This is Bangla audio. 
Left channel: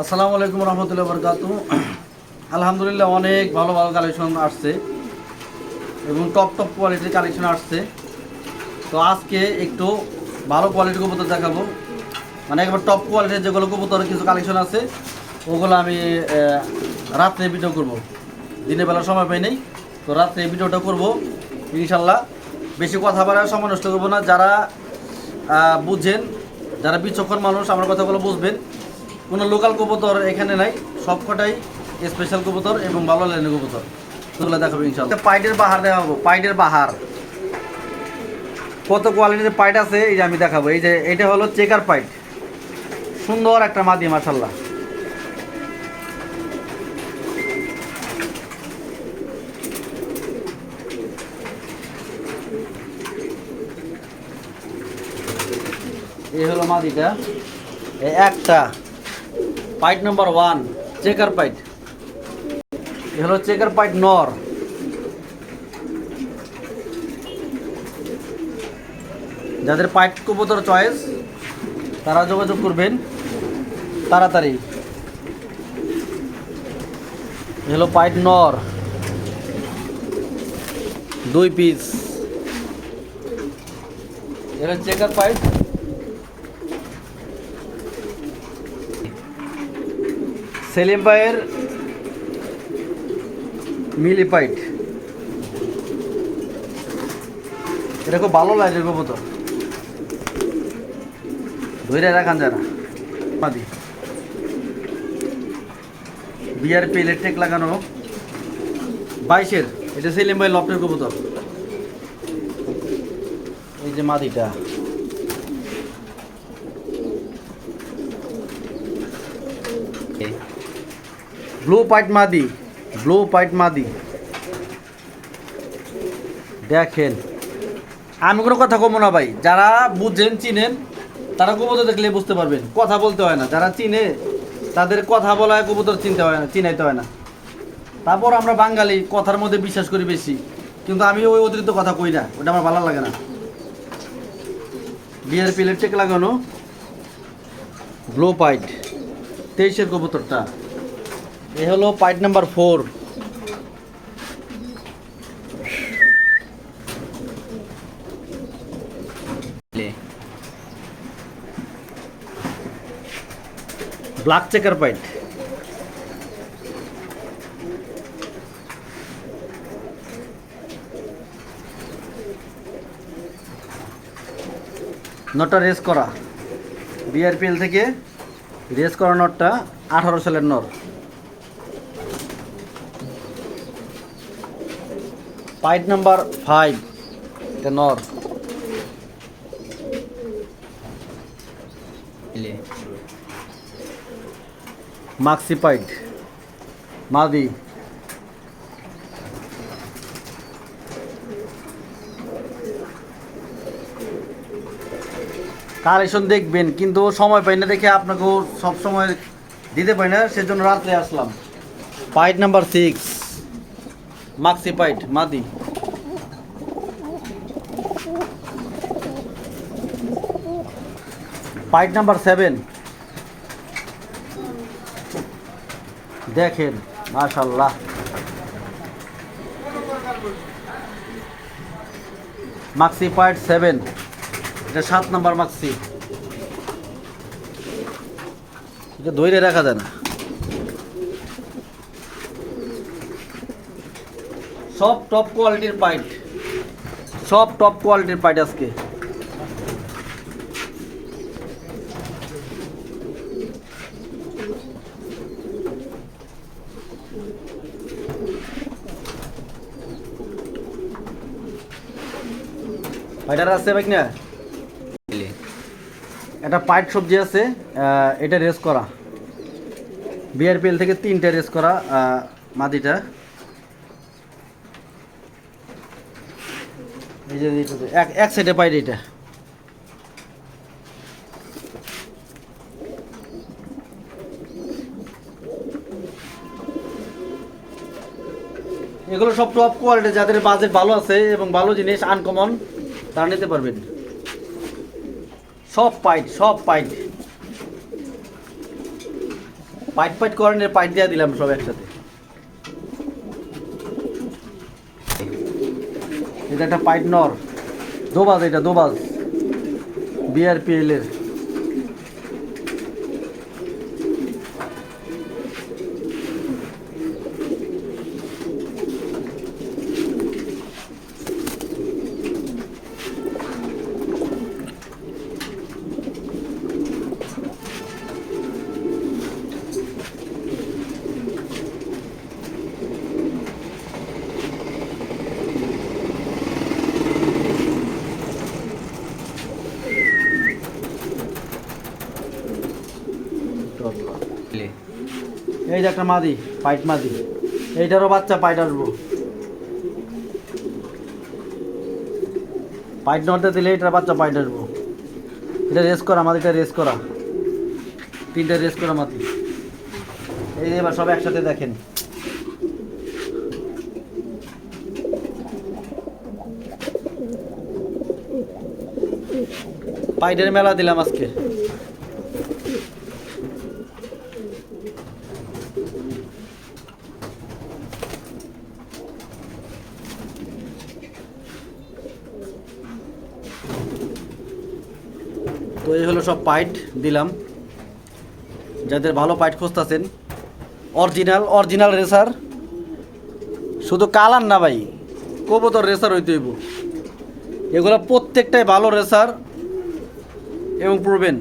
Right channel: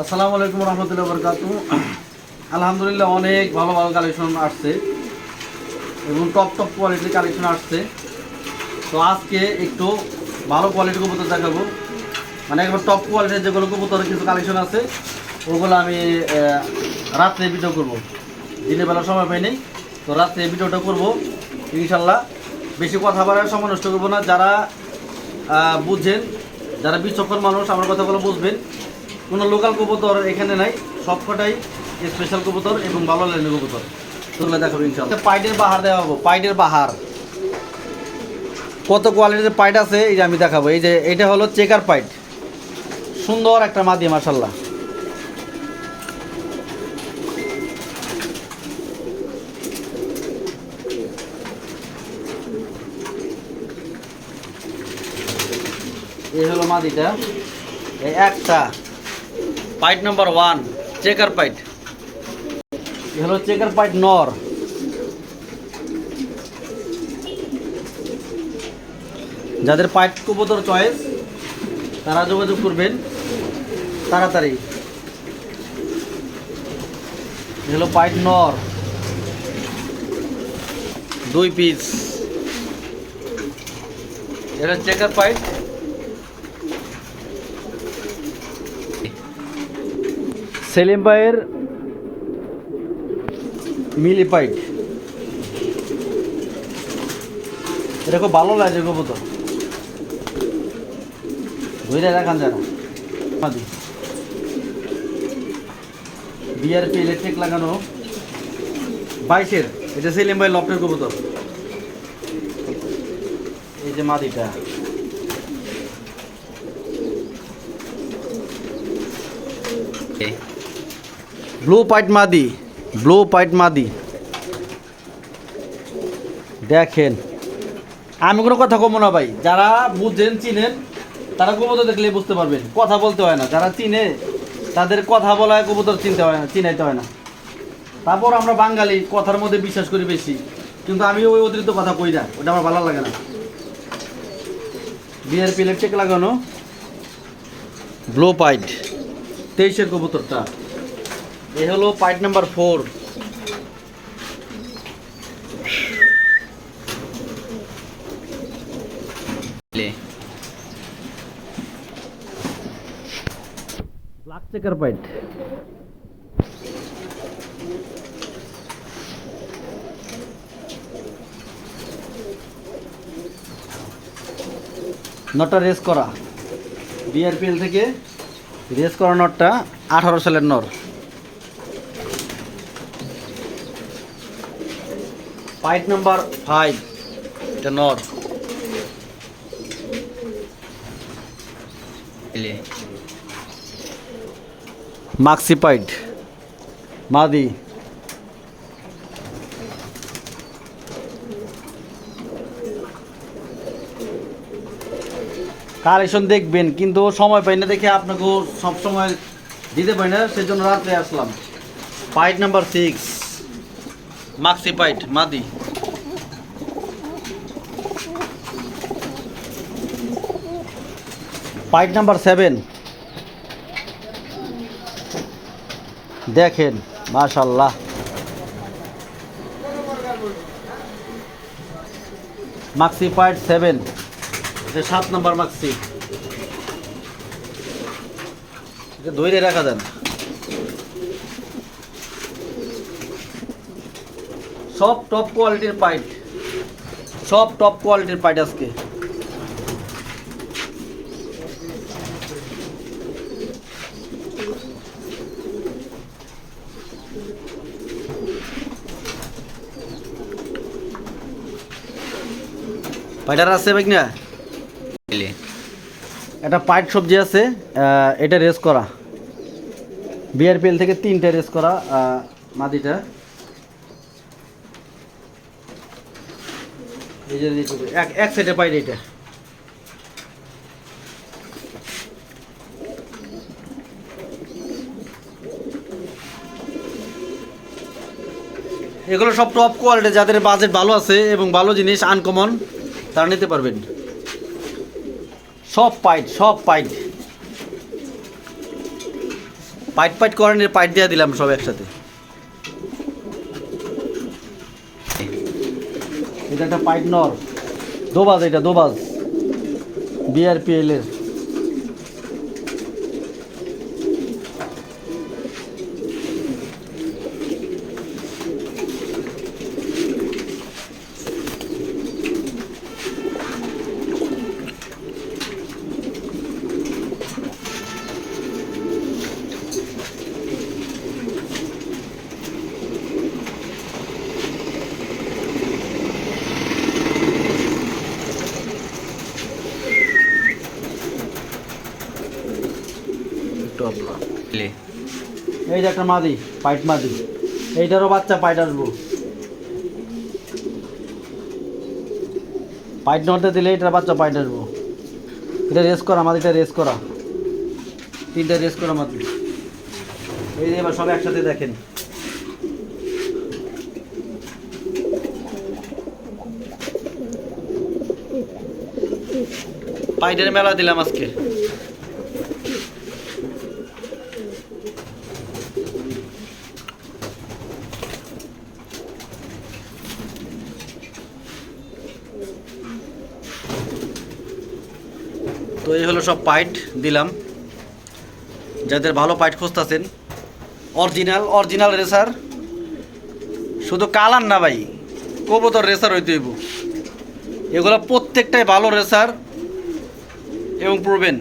আসসালামু আলাইকুম রহমতুল্লাহ বরকাত আলহামদুলিল্লাহ অনেক ভালো ভালো কালেকশন আসছে এবং টপ টপ কোয়ালিটির কালেকশন আসছে। তো আজকে একটু ভালো কোয়ালিটির কবুতর দেখাবো। মানে একবার টপ কোয়ালিটির যেগুলো কবুতরের কিছু কালেকশন আছে, ওগুলো আমি রাত্রে ভিডিও করব। দিনের বেলা সময় পাই নেই, তো রাত্রে ভিডিওটা করব। ইনশাল্লাহ বেশি কথা বলার সময় নষ্ট করব না। যারা বুঝেন, যারা বিচক্ষণ মানুষ, আমার কথাগুলো বুঝবেন। কোনো লোকাল কবুতর এখানে নাই, সব কটাই স্পেশাল কবুতর এবং ভালো লাইনের কবুতর। তোগুলো দেখাবো ইনশাল্লাহ। পাইডের বাহার দেওয়া হব পাইডের বাহার। কত কোয়ালিটির পাইট আছে, এই যে আমি দেখাবো। এই যে, এটা হলো চেকার পাইট সুন্দর একটা মাদি মাসাল্লাহ এই হলো মাদিটা। এই একটা। পাইট নাম্বার ওয়ান চেকার পাইট এ হলো চেকার পাইট নর যাদের পাইট কবুতর চয়েস তারা যোগাযোগ করবেন তাড়াতাড়ি। হলো পাইট নর। দুই পিস এটা চেকার পাইট সেলিম ভাইয়ের মিলি পাইট এটা খুব ভালো লাগে কবুতর। ধরে রাখান যারা। মাদি বিআরপি ইলেকট্রিক লাগানো বাইশের এটা সেলিম ভাই লফটের কবুতর। এই যে মাদিটা। ব্লু পাইট মাদি ব্লু পাইট মাদি। দেখেন। আমি কোনো কথা কমো না ভাই। যারা বুঝেন, চিনেন তারা কবুতর দেখলে বুঝতে পারবেন, কথা বলতে হয় না। যারা চিনে, তাদের কথা বলা কবুতর চিনতে হয় না, চিনাইতে হয় না। তারপর আমরা বাঙালি, কথার মধ্যে বিশ্বাস করি বেশি। কিন্তু আমি ওই অতিরিক্ত কথা কই না, ওটা আমার ভালো লাগে না। বিআরপি টেক লাগানো ব্লো পাইট তেইশের কবুতরটা। এ হলো পাইট নাম্বার ফোর। ব্ল্যাক চেকার পাইট নটটা রেস করা। বিআরপিএল থেকে রেস করা নটটা আঠারো সালের নর পাইট নাম্বার ফাইভ, এটা নর পাইট মাদি। কালেকশন দেখবেন, কিন্তু সময় পাই না দেখে আপনাকেও সব সময় দিতে পারি না, সেজন্য রাত্রে আসলাম। পাইট নাম্বার সিক্স মাক্সি পাইট মাদি। পাইট নাম্বার সেভেন দেখেন মাশাল্লাহ মাক্সি পাইট সেভেন এটা সাত নাম্বার মাক্সি এটা ধরে রাখা যায় না সব টপ কোয়ালিটির পাইট সব টপ কোয়ালিটির পাইট আজকে। পাইটার আছে ভাই না একটা পাইট সবজি আছে আহ, এটা রেস করা। বিআরপিএল থেকে তিনটা রেস করা আহ, মাদিটা এই যে এক এক সাইডে পাইট এটা এগুলো সব টপ কোয়ালিটি যাদের বাজেট ভালো আছে এবং ভালো জিনিস আনকমন তারা নিতে পারবেন। সব পাইট সব পাইট পাইট পাইট করেন পাইট দিয়ে দিলাম সব একসাথে। এটা একটা পাইট নর। দোবাজ এটা, দোবাজ। বিআরপিএল এর টপ এই যে একটা মাদি, পাইট মাদি। এইটারও বাচ্চা পাইট আসব। পাইট নড়তে দিলে এটার বাচ্চা পাইট আসব। এটা রেস করা, মাদিটা রেস করা। তিনটা রেস করা মাদি। এই যে এবার সব একসাথে দেখেন। পাইটের মেলা দিলাম আজকে। তো এই হলো সব পাইট দিলাম। যাদের ভালো পাইট খুঁজতেছেন, অরিজিনাল অরিজিনাল রেসার। শুধু কালার না ভাই, কবুতর রেসার হইতে হইব। এগুলো প্রত্যেকটাই ভালো রেসার এবং প্রবেন